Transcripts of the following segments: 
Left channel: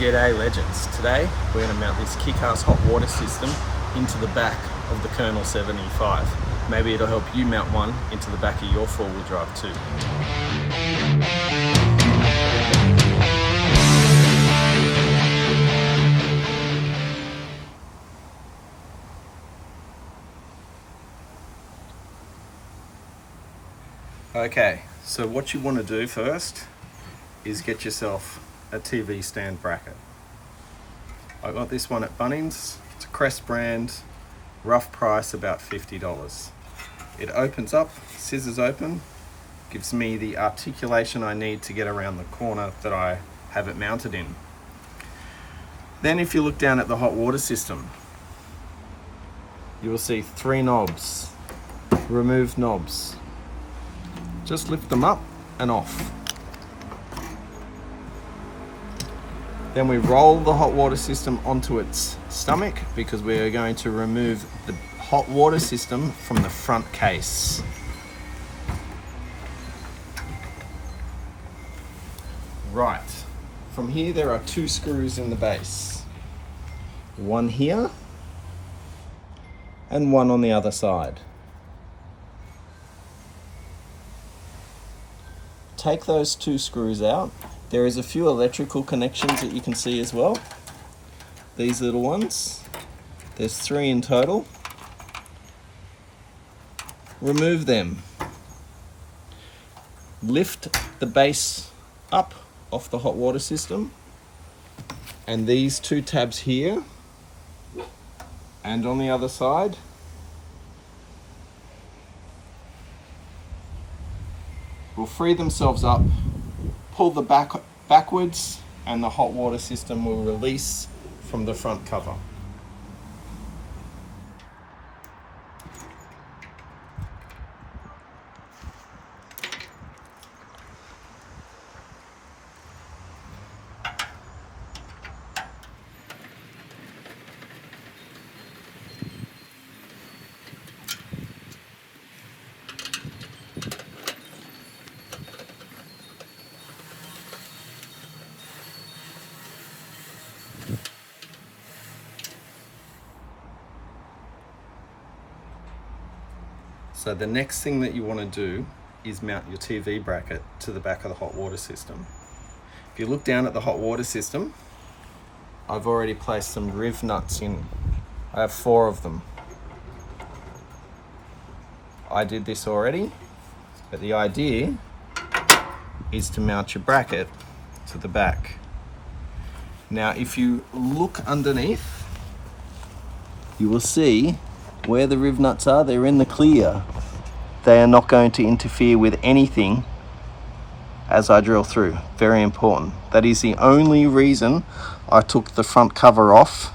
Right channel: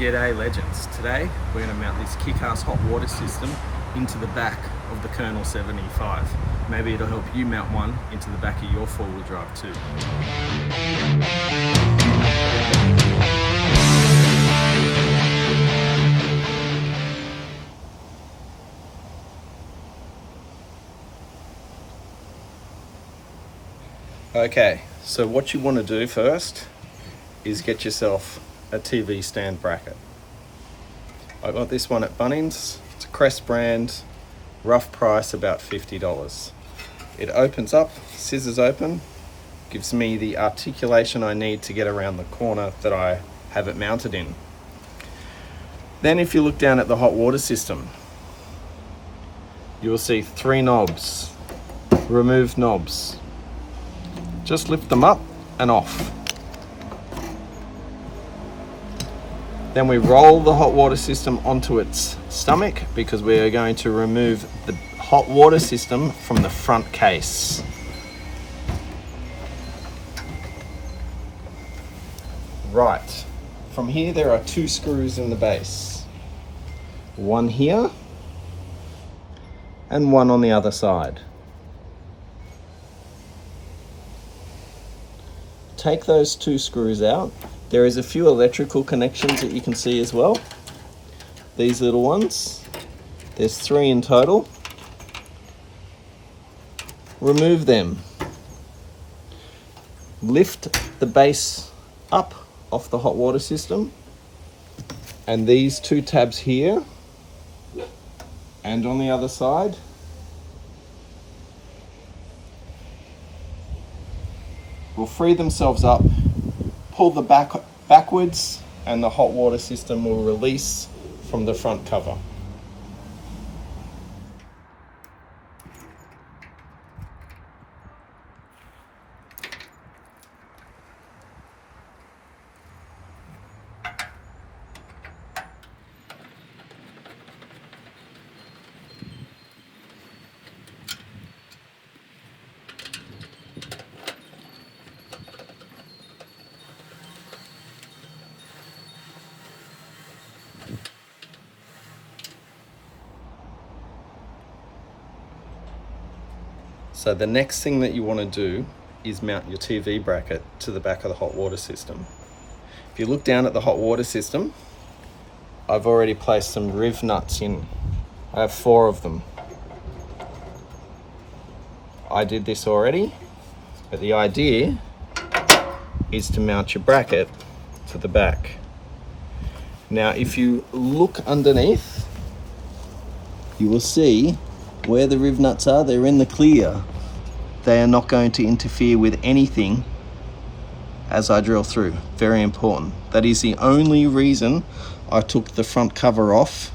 G'day legends. Today we're going to mount this Kickass hot water system into the back of the Colonel 75. Maybe it'll help you mount one into the back of your four-wheel drive too. Okay, so what you want to do first is get yourself a TV stand bracket. I got this one at Bunnings. It's a Crest brand, rough price about $50. It opens up, scissors open, gives me the articulation I need to get around the corner that I have it mounted in. Then if you look down at the hot water system, you will see 3 knobs, remove knobs. Just lift them up and off. Then we roll the hot water system onto its stomach because we are going to remove the hot water system from the front case. Right, from here there are 2 screws in the base. One here and one on the other side. Take those 2 screws out. There is a few electrical connections that you can see as well. These little ones. There's 3 in total. Remove them. Lift the base up off the hot water system. And these 2 tabs here and on the other side will free themselves up. Pull the back backwards and the hot water system will release from the front cover. So the next thing that you want to do is mount your TV bracket to the back of the hot water system. If you look down at the hot water system, I've already placed some riv nuts in. I have 4 of them. I did this already, but the idea is to mount your bracket to the back. Now, if you look underneath, you will see where the riv nuts are. They're in the clear. They are not going to interfere with anything as I drill through. Very important. That is the only reason I took the front cover off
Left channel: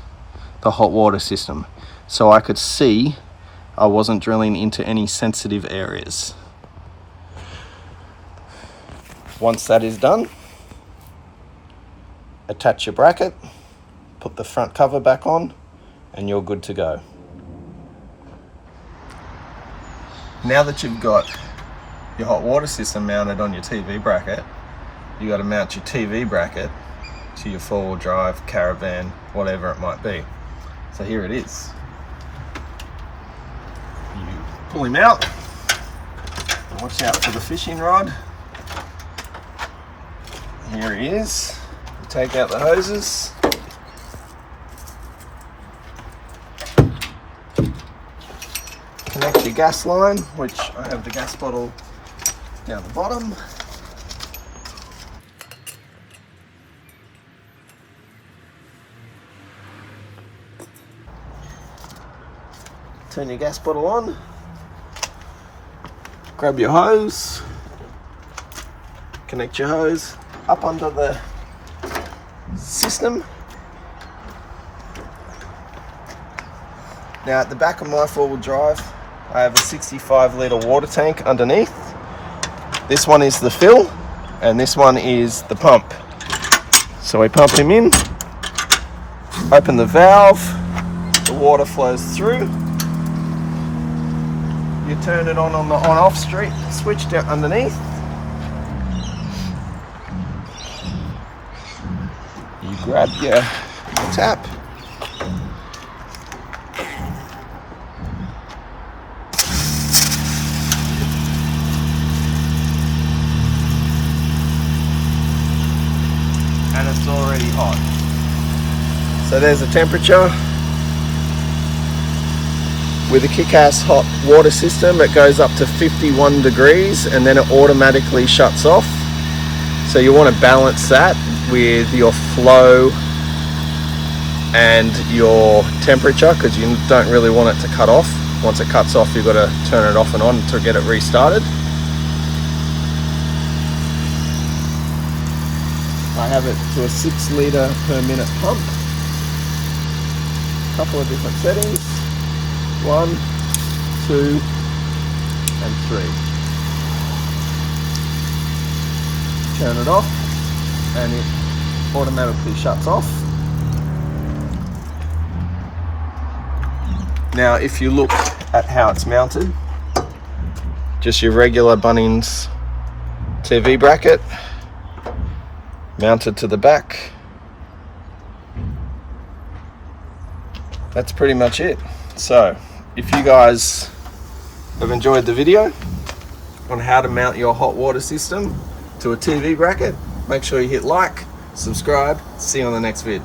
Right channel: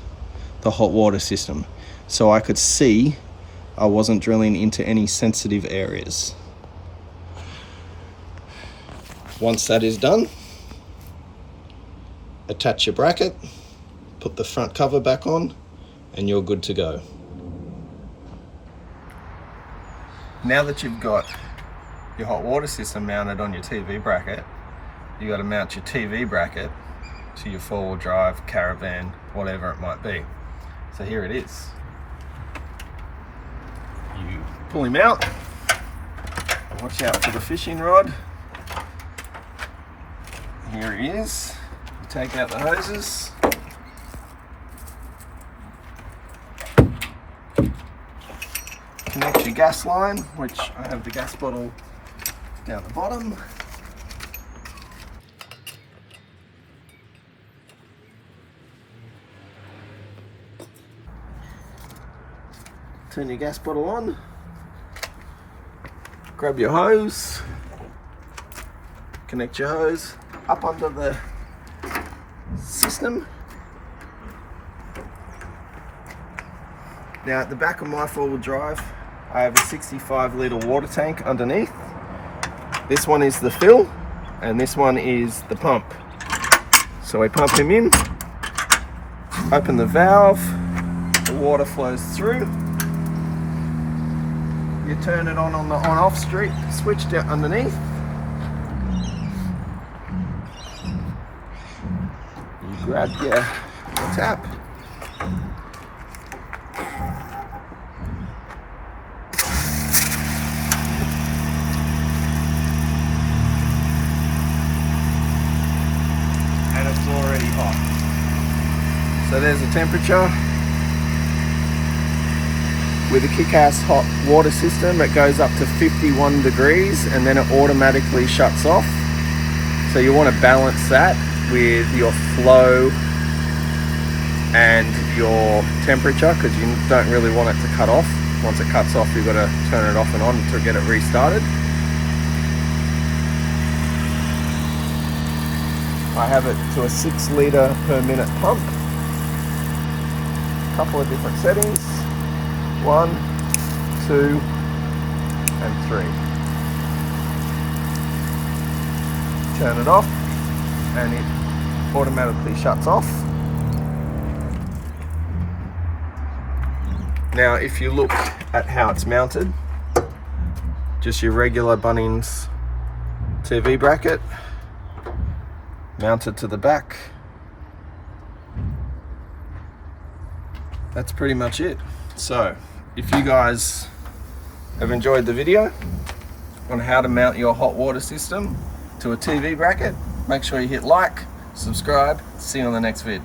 the hot water system, so I could see I wasn't drilling into any sensitive areas. Once that is done, attach your bracket, put the front cover back on, and you're good to go. Now that you've got your hot water system mounted on your TV bracket, you got to mount your TV bracket to your four-wheel drive, caravan, whatever it might be. So here it is. You pull him out, watch out for the fishing rod. Here he is. You take out the hoses. Connect your gas line, which I have the gas bottle down the bottom. Turn your gas bottle on. Grab your hose. Connect your hose up onto the system. Now at the back of my four-wheel drive, I have a 65 litre water tank underneath. This one is the fill and this one is the pump. So we pump him in, open the valve, the water flows through. You turn it on the on-off switch down underneath. You grab your tap. And it's already hot. So there's the temperature. With the Kickass hot water system, it goes up to 51 degrees and then it automatically shuts off. So you want to balance that with your flow and your temperature, because you don't really want it to cut off. Once it cuts off, you've got to turn it off and on to get it restarted. I have it to a 6 litre per minute pump. A couple of different settings. 1, 2, and 3. Turn it off and it automatically shuts off. Now if you look at how it's mounted, just your regular Bunnings TV bracket mounted to the back. That's pretty much it. So if you guys have enjoyed the video on how to mount your hot water system to a TV bracket, make sure you hit like, subscribe, see you on the next vid.